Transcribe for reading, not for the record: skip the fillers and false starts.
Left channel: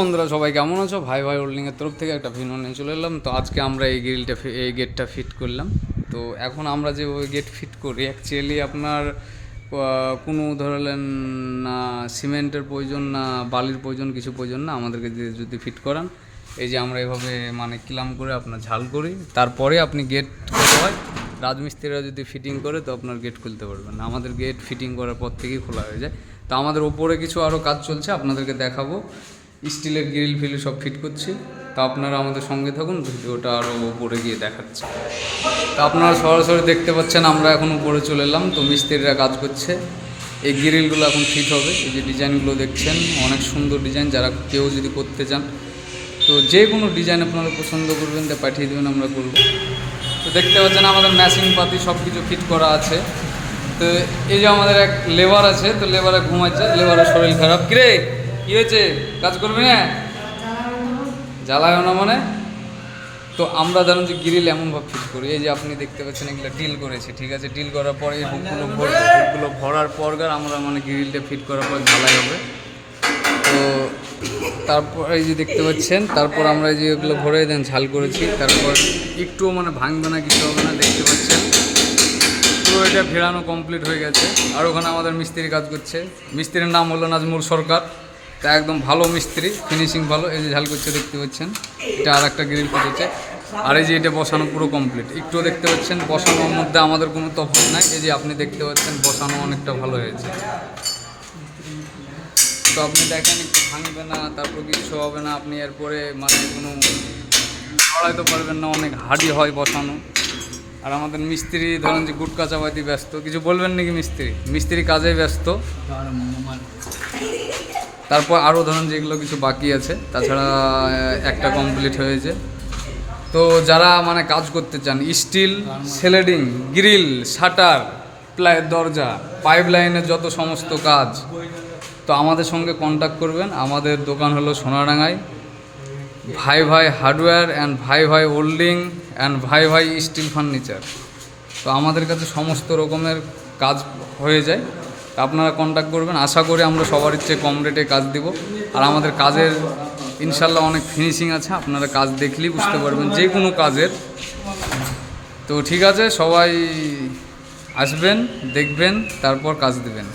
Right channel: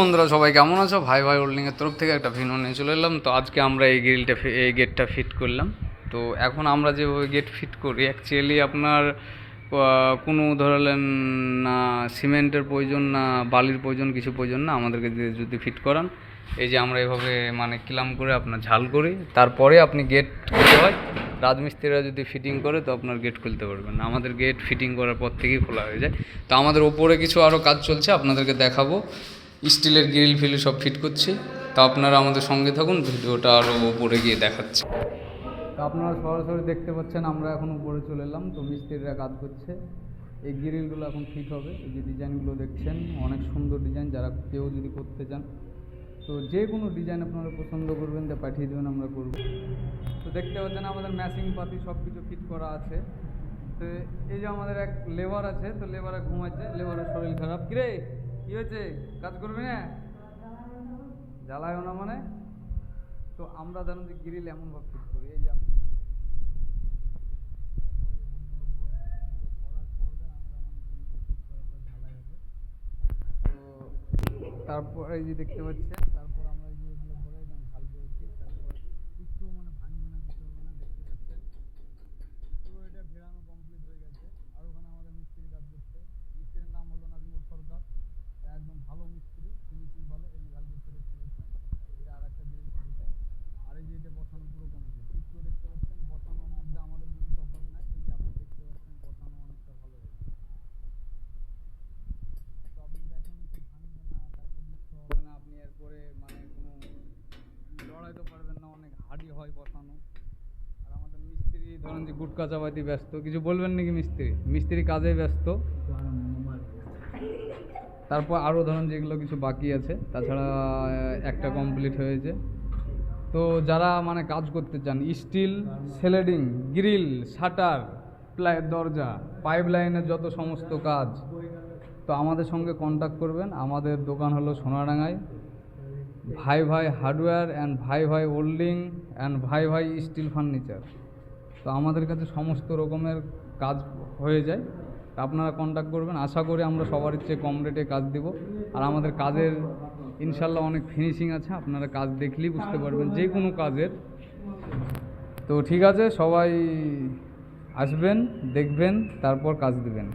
বন্ধুরা সবাই কেমন আছো? ভাই ভাই হোল্ডিংয়ের তরফ থেকে একটা ভিডিও নিয়ে চলে এলাম। তো আজকে আমরা এই গেটটা ফিট করলাম। তো এখন আমরা যেভাবে গেট ফিট করি অ্যাকচুয়ালি আপনার কোনো ধরলেন না সিমেন্টের প্রয়োজন না বালির প্রয়োজন, কিছু প্রয়োজন না। আমাদেরকে যদি ফিট করান, এই যে আমরা এভাবে মানে কিলাম করে আপনার ঝাল করি, তারপরে আপনি গেট খুলতে হয়। রাজমিস্ত্রিরা যদি ফিটিং করে তো আপনার গেট খুলতে পারবেন না। আমাদের গেট ফিটিং করার পর থেকেই খোলা হয়ে যায়। তো আমাদের ওপরে কিছু আরও কাজ চলছে, আপনাদেরকে দেখাবো। স্টিলের গ্রিল ফিল সব ফিট করছি। তা আপনারা আমাদের সঙ্গে থাকুন, ভিডিওটা আরও উপরে গিয়ে দেখাচ্ছে। তা আপনারা সরাসরি দেখতে পাচ্ছেন আমরা এখন উপরে চলে এলাম। তো মিস্ত্রিরা কাজ করছে, এই গ্রিলগুলো এখন ফিট হবে। এই যে ডিজাইনগুলো দেখছেন অনেক সুন্দর ডিজাইন, যারা কেউ যদি করতে চান তো যে কোনো ডিজাইন আপনারা পছন্দ করবেন তা পাঠিয়ে দেবেন, আমরা করব। তো দেখতে পাচ্ছেন আমাদের মেশিন পাতি সব কিছু ফিট করা আছে। তো এই যে আমাদের এক লেবার আছে, তো লেবারে ঘুমাচ্ছে, লেবারের শরীর খারাপ। কিরে কী হয়েছে, কাজ করবি না? জ্বালায় না মানে? তো আমরা ধরুন যে গ্রিল এমনভাবে ফিট করি, এই যে আপনি দেখতে পাচ্ছেন এগুলো ডিল করেছি, ঠিক আছে। ডিল করার পরে এই হুকগুলো ভরার পর আমরা মানে গ্রিলটা ফিট করার পর ঝালাই হবে। তো তারপর এই যে দেখতে পাচ্ছেন, তারপর আমরা এই যে এগুলো ভরে দেন ঝাল করেছি, তারপর একটুও মানে ভাঙবে না, কিছু হবে না। দেখতে পাচ্ছেন পুরো এটা ভেড়ানো কমপ্লিট হয়ে গেছে। আর ওখানে আমাদের মিস্ত্রি কাজ করছে, মিস্ত্রির নাম হলো নাজমুল সরকার। তা একদম ভালো মিস্ত্রি, ফিনিশিং ভালো। এই যে ঝাল করছে দেখতে পাচ্ছেন, এটা আর একটা গ্রিল ফিটেছে। আর এই যে এটা বসানো পুরো কমপ্লিট, একটুও দেখতে পাচ্ছেন বসানোর মধ্যে আমাদের কোনো তফাৎ নাই। এই যে আপনি দেখতে পাচ্ছেন বসানো অনেকটা ভালো হয়েছে। তো আপনি দেখেন একটু ভাঙবে না, তারপর কিছু হবে না। আপনি এরপরে মানে কোনো লড়াইতে পারবেন না, অনেক হার্ডি হয় বসানো। আর আমাদের মিস্ত্রি ধরেন যে গুটকা চাপাইতে ব্যস্ত, কিছু বলবেন নাকি? মিস্ত্রি কাজে ব্যস্ত। তারপর আরও ধরেন যেগুলো কিছু বাকি আছে, তাছাড়া একটা কমপ্লিট হয়েছে। তো যারা মানে কাজ করতে চান, স্টিল সেলেডিং, গ্রিল, শাটার, দরজা, পাইপ লাইনের যত সমস্ত কাজ, তো আমাদের সঙ্গে কন্ট্যাক্ট করবেন। আমাদের দোকান হলো সোনাডাঙ্গায়, ভাই ভাই হার্ডওয়্যার অ্যান্ড ভাই ভাই হোল্ডিং অ্যান্ড ভাই ভাই স্টিল ফার্নিচার। তো আমাদের কাছে সমস্ত রকমের কাজ হয়ে যায়। আপনারা কন্ট্যাক্ট করবেন, আশা করি আমরা সবার চেয়ে কম রেটে কাজ দিব। আর আমাদের কাজের ইনশাল্লাহ অনেক ফিনিশিং আছে, আপনারা কাজ দেখলেই বুঝতে পারবেন যে কোনো কাজের। তো ঠিক আছে, সবাই আসবেন, দেখবেন, তারপর কাজ দেবেন।